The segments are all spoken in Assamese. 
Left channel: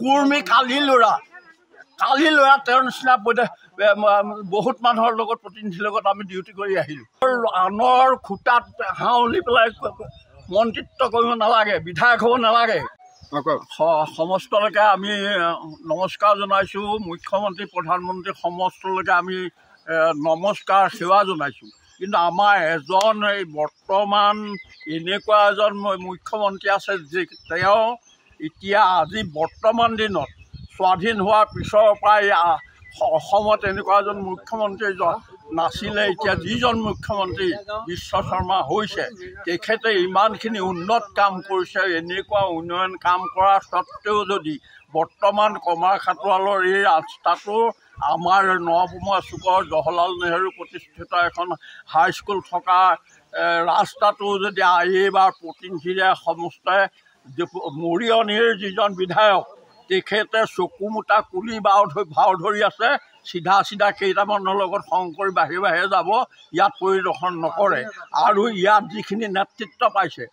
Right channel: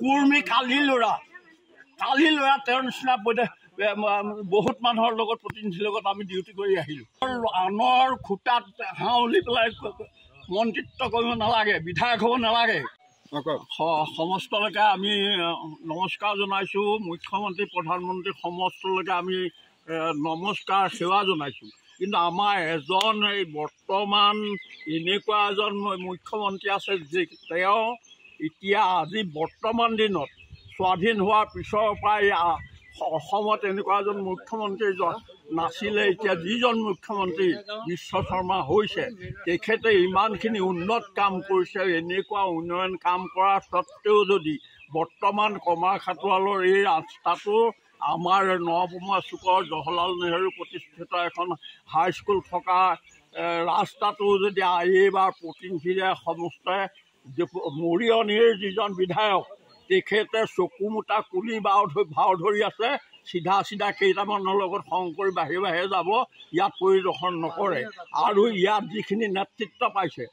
কুৰ্মী কালি ল'ৰা তেওঁৰ নিচিনা বহুত মানুহৰ লগত প্ৰতিনিধিৰ লগত আমি ডিউটি কৰি আহিলোঁ। আনৰ খুটাত হাউলি পেলাই মন্ত্ৰিত্ব কৰিব নালাগে, বিধায়ক হ'ব নালাগে। সমস্তলৈকে আমি নমস্কাৰ জনাইছোঁ। মুখ্যমন্ত্ৰী প্ৰধানমন্ত্ৰী সমস্তলৈকে আমি নমস্কাৰ সেৱা জনাইছোঁ। কিন্তু আমাৰ এজন এই বৰ্তমান এনেকুৱা এজন মুখ্যমন্ত্ৰী আছে যে তেওঁ এতিয়া আজি বৰ্তমান দিনত স্বাধীন হোৱাৰ পিছৰ পৰাই অসমত এনেকুৱা এজন মুখ্যমন্ত্ৰী নাছিলে। এতিয়া যিজন মুখ্যমন্ত্ৰী বিশ্ব শৰ্মা হৈছে তেখেতে ইমানখিনি উন্নত কাম কৰিছে। এনেকুৱা উন্নয়ন কাম কৰাৰ স্বত্তেও যদি বৰ্তমান কমাৰখাটোৱালৰ এই ৰাস্তাটো আমাৰ নৱমা চুকৰ জৱাহৰলাল নেহৰু প্ৰতিষ্ঠিত এখন হাইস্কুল থকা ৰাস্তাটো যদি এইবাৰ প্ৰতিনিধিৰে সমস্তে মৰিয়নিৰ যিজন বিধায়ক তেখেতে চকুমোটা কুলি ভাও ধৰি আছে, চিধা কেইটামানৰ লগত সংগ কৰি বাহিৰে যাব, ইয়াত পৰিদৰ্শন নকৰে। আৰু ইয়াত যিখিনি নেতৃত্ব পাইছে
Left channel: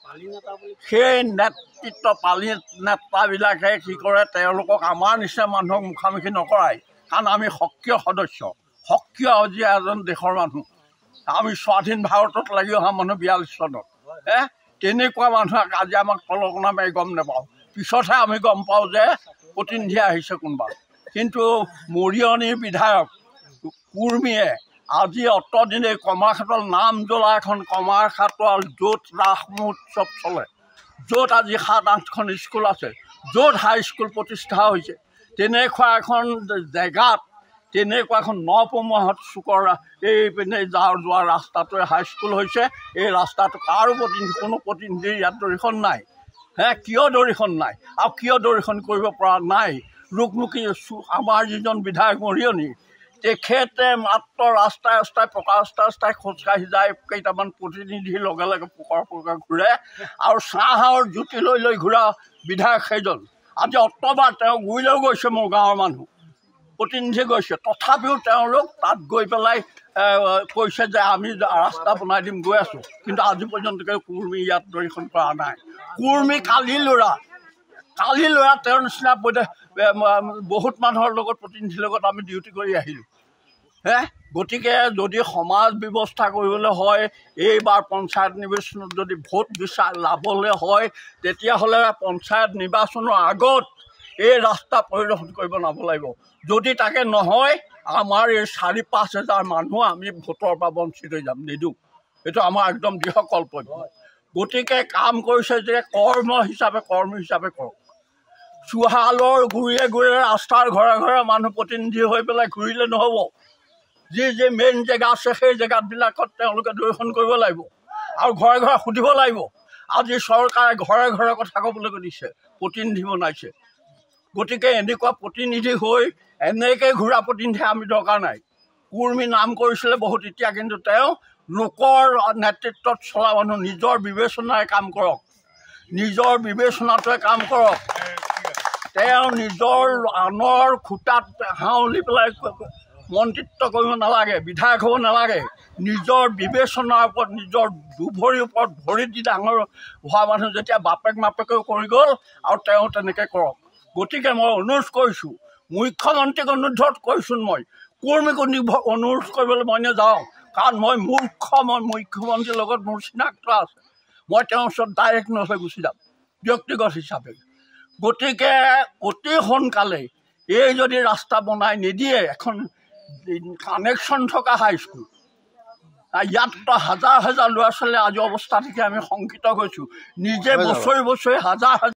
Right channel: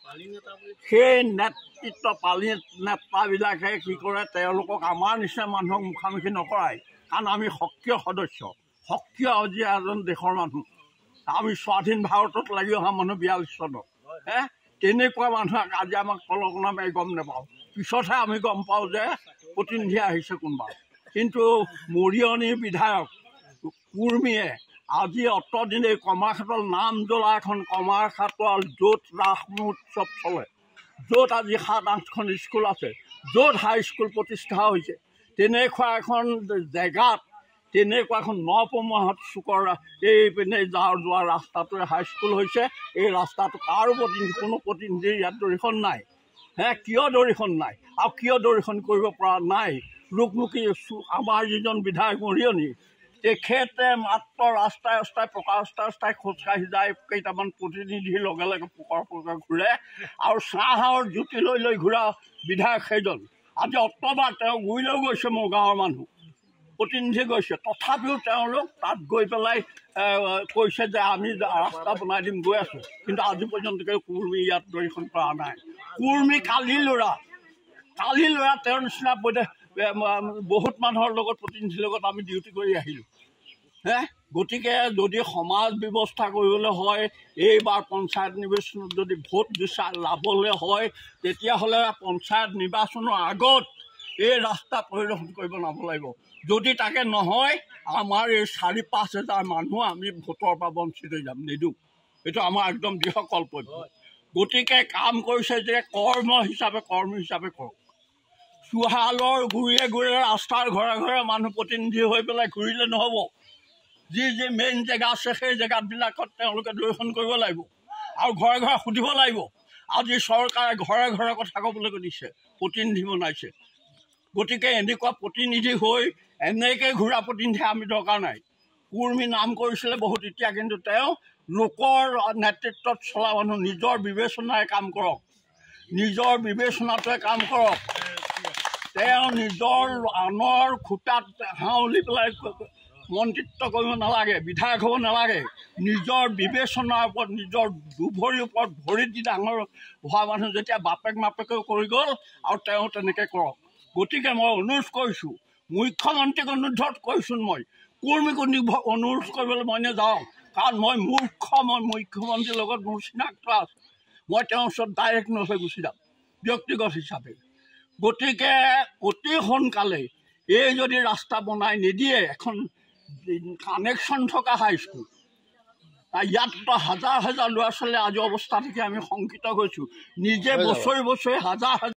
সেই নেতৃত্ব পালি নেতাবিলাকে কি কৰে, তেওঁলোকক আমাৰ নিচিনা মানুহক মুখামুখি নকৰায়। কাৰণ আমি সক্ৰিয় সদস্য, সক্ৰিয় আজি এজন দেশৰ মানুহ। আমি স্বাধীন ভাৰতত লাগি অহা মানুহ 42 চনত। তেনেকুৱা মানুহক আজি আমাক তলকনা মাৰি গম নাপাওঁ, পিছতহে আমি গম পাওঁ যে প্ৰতিনিধি আহিছে কোনোবা। কিন্তু মৰিয়নিৰ বিধায়ক কুৰ্মীয়ে আজি অতদিনে কমাৰখাটোৱাল নাম জ্বলা এখন কমাৰখাটোৱাল য'ত ৰাস মহোৎসৱ চলে, য'ত আজি 7-8খন স্কুল আছে, য'ত হাইস্কুল প্ৰতিষ্ঠা হৈছে, তেনেকুৱা এখন জেগাত তেনেকুৱা এখন নপমোৱাহঁত চুকৰ এইপিনে যোৱা ৰাস্তাটোৱে হাইস্কুল হৈছে। এই ৰাস্তাটো কাৰো কোনো প্ৰতিনিধিৰ ইয়াত দৰিখন নাই। কিয় দৰিখন নাই আৰু কিয় দৰিখন কৰিব পৰা নাই? লোকমুখী আমাৰ যিজন বিধায়ক মৰিয়নি তেখেতে মাত্ৰ ৰাস্তাই পকা ৰাস্তাই খোজকাঢ়ি যায়, কেইটামান প্ৰতিনিধিৰ লগে পোকৰ ঘূৰে আৰু চাহৰ জুতি লৈ ঘূৰা বিধায়ক সেইজন। আজি অতবাৰ তেওঁ গুৰিলেও গৈছে, মোৰ গাঁৱৰ মানুহ প্ৰতিনিধি গৈছে, তথাপিও তেওঁলোক তাত গৈ পেলাই কৈছে যে আমি ৰাস্তা বনাই দিম, গৈ আছোঁ। কিন্তু আজি পৰ্যন্তকে কুৰ্মী ইয়াত দৰিখন কৰা নাই। কুৰ্মী কালি ল'ৰা তেওঁৰ নিচিনা বহুত মানুহৰ লগত প্ৰতিনিধিৰ লগত আমি ডিউটি কৰি আহিলোঁ। গতিকে যদি সমাজ ব্যৱস্থা কৰিবলৈ হয়, এইবাৰ পঞ্চায়ত নিৰ্বাচনত যদি ভোট লাভলৈ হয়, তেতিয়াহ'লে পঞ্চায়ত নিৰ্বাচনৰ আগত এই ৰাস্তা পৰিদৰ্শন কৰিব নাব লাগিব। যদি তাকে নহয়, আমাৰ এই 4-5 হাজাৰ মানুহ আমি ভোটৰ পৰা বঞ্চিত হৈ যাম, নিদিওঁ। এইটো আমাৰ একদম দৃঢ় কল্পন্য। গতিকে কাম কৰিছে যে কৰ্মী হিচাপে কৰক। চুহালৰ ঘূৰিয়ে ৰাস্তাৰ ঘৰে মানুহ প্ৰতিনিধি হৈ পেলাই ঘূৰিলে নহ'ব। যি মেইন জেগা আছে সেই জেগাবিলাকত তেওঁলোকে দৰ্শন কৰিব লাগিব আৰু ঘৰে সুধিব লাগিব। আজি চৰকাৰে ঘৰে কথা ক'বলৈ দিছে, প্ৰতিনিধি বনাইছে। গতিকে এনেকুৱা প্ৰতিনিধি হৈ এনেকৈ ঘূৰা প্ৰতিনিধি আমি দৰকাৰ নাই। কুৰ্মী নাম কৰিছিলে বহুত, এতিয়া কিন্তু তেওঁ লোকৰ নেতৃত্বত চলা মানুহ। নিজৰ বিবেচনাৰে কাম কৰক, নিজৰ বিবেচনাটোৱে কাম কৰক। তেওঁ নিজৰ আনৰ খুটাত হাউলি পেলাই মন্ত্ৰিত্ব কৰিব নালাগে, বিধায়ক হ'ব নালাগে। নিজৰ বিবেচনাৰ ওপৰত, নিজৰ দুভৰিৰ ওপৰত ভৰি দি ডাঙৰ হোৱা মানুহ যেতিয়া বাপেকেও কৰি গ'ল আৰু তেওঁ তেনেকৈ কৰক। গতিকে মই অনুৰোধ কৰিছোঁ, মুখ্যমন্ত্ৰীক অনুৰোধ কৰিছোঁ, মই কুৰ্মীক অনুৰোধ কৰিবলৈ মই নাযাওঁ। কাৰণ মই মুখ্যমন্ত্ৰীৰ লগত মোৰ চিনাক্ত আছে। মই তেওঁৰ ওচৰত ডাইৰেক্ট নহৈ গুচি যাম ব্যক্তিগত হিচাপে। গতিকে অতি সোনকালে এই যদি ৰাস্তা বনাই নিদিয়ে, এখন কানেকশ্যন থকা হাইস্কুল, ইয়াত হাজাৰ ল'ৰা ছোৱালী আজি অৱস্থা দেখি আমি শংকিত হৈছোঁ। নিজে বছৰি হাজাৰ